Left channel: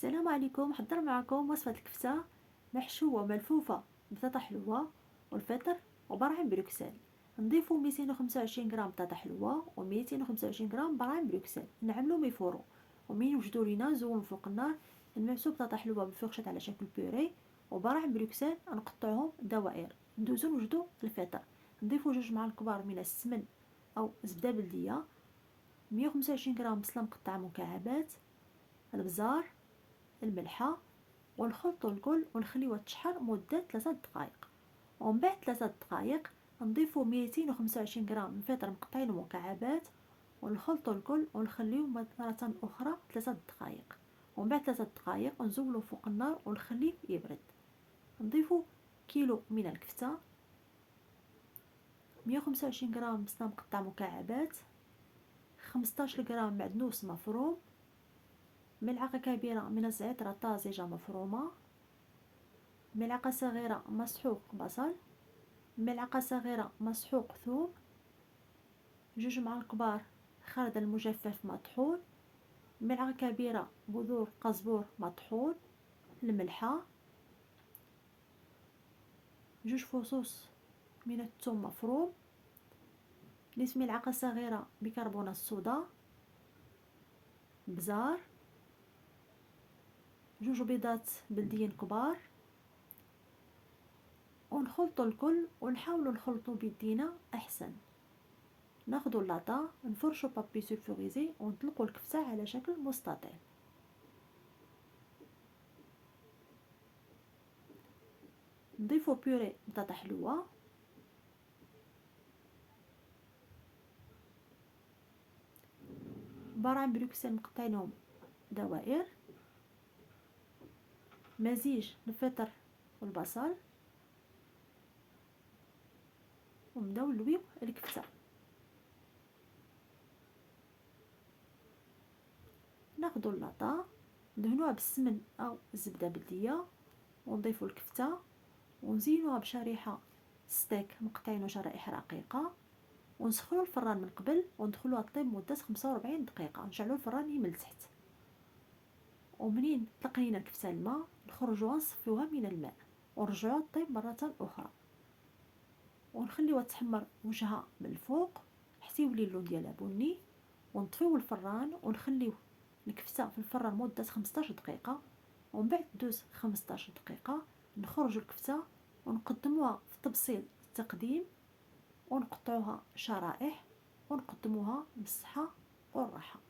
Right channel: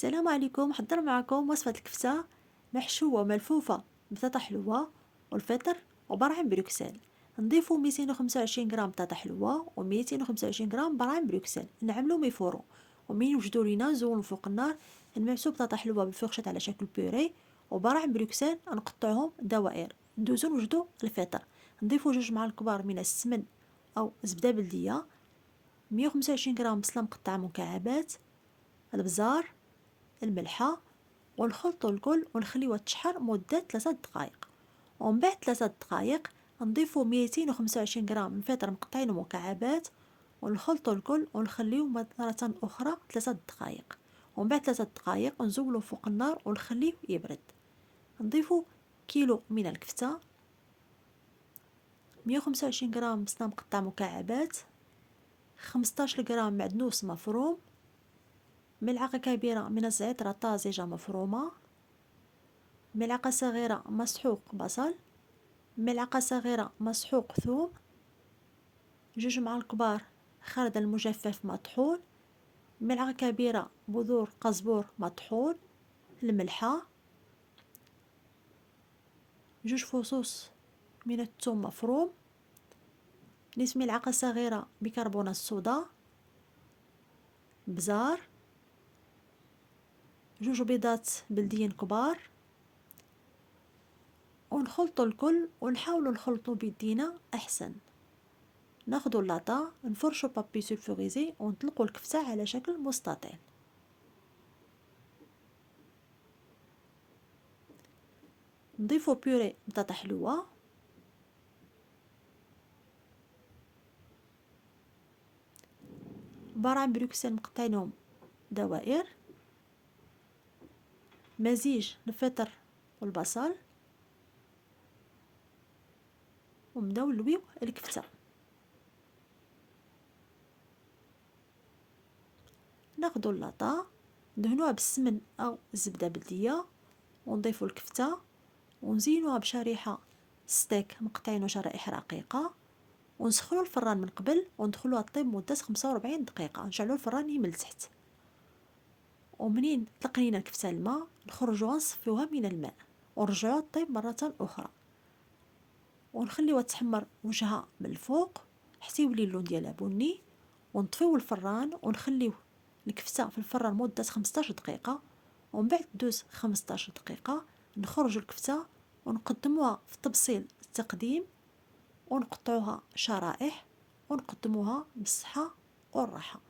السلام عليكم. حضر معكم وصفة الكفتة محشوة ملفوفة بطاطا حلوة والفطر وبراعم بروكسل. نضيفو 225 غرام بطاطا حلوة و 225 غرام براعم بروكسل، نعملو ميفورو ومين يوجدو لينا نزولو فوق النار. نمعسو بطاطا حلوة بالفرشاط على شكل بوري وبراعم بروكسل نقطعوهم دوائر. ندوزو نوجدو الفطر، نضيفو 2 معالق كبار من السمن او زبدة بلدية، 125 غرام بصلة مقطعة مكعبات، البزار، الملحة، ونخلطو الكل ونخليوها تشحر مدة 3 دقائق. ومن بعد 3 دقائق نضيفو 225 غرام من فطر مقطعين مكعبات ونخلطو الكل ونخليو مرة أخرى 3 دقائق. ومن بعد 3 دقائق نزولو فوق النار ونخليه يبرد. نضيفو كيلو من الكفتة، 125 غرام بصلة مقطع مكعبات، 15 غرام معدنوس مفروم، ملعقة كبيرة من الزعتر طازجة مفرومة، ملعقة صغيرة مسحوق بصل، ملعقة صغيرة مسحوق ثوم، 2 معالق كبار خردل مجفف مطحون، ملعقة كبيرة بذور قزبور مطحون، الملحة، 2 فصوص من الثوم مفروم، نصف ملعقة صغيرة بيكربونات الصودا، بزار، 2 بيضات بلديين كبار. ونخلطو الكل ونحاولوا نخلطو بيدينا احسن. ناخدو اللاطا نفرشو بابي سولفوريزي ونطلقو الكفتة على شكل مستطيل. نضيفو بيوري بطاطا حلوة، براعم بروكسل مقطعينهم دوائر، مزيج الفطر والبصل، ونبداو نلويو الكفتة. ناخدو اللاطا ندهنوها بالسمن او الزبدة بلدية ونضيفو الكفتة ونزينوها بشريحة ستيك مقطعينو شرائح رقيقة، ونسخنو الفران من قبل وندخلوها طيب مدة 45 دقيقة. نشعلو الفران يميل تحت، ومنين تقنينا الكفتة الماء نخرجوها نصفيوها من الماء ونرجعوها طيب مرة أخرى، ونخليوها تحمر وجهها من الفوق حتى يولي اللون ديالها بني، ونطفيو الفران ونخليو الكفتة في الفران مدة 15 دقيقة. ومن بعد دوز 15 دقيقة نخرجوا الكفتة ونقدموها في طبسيل التقديم ونقطعوها شرائح ونقدموها بالصحة والراحة.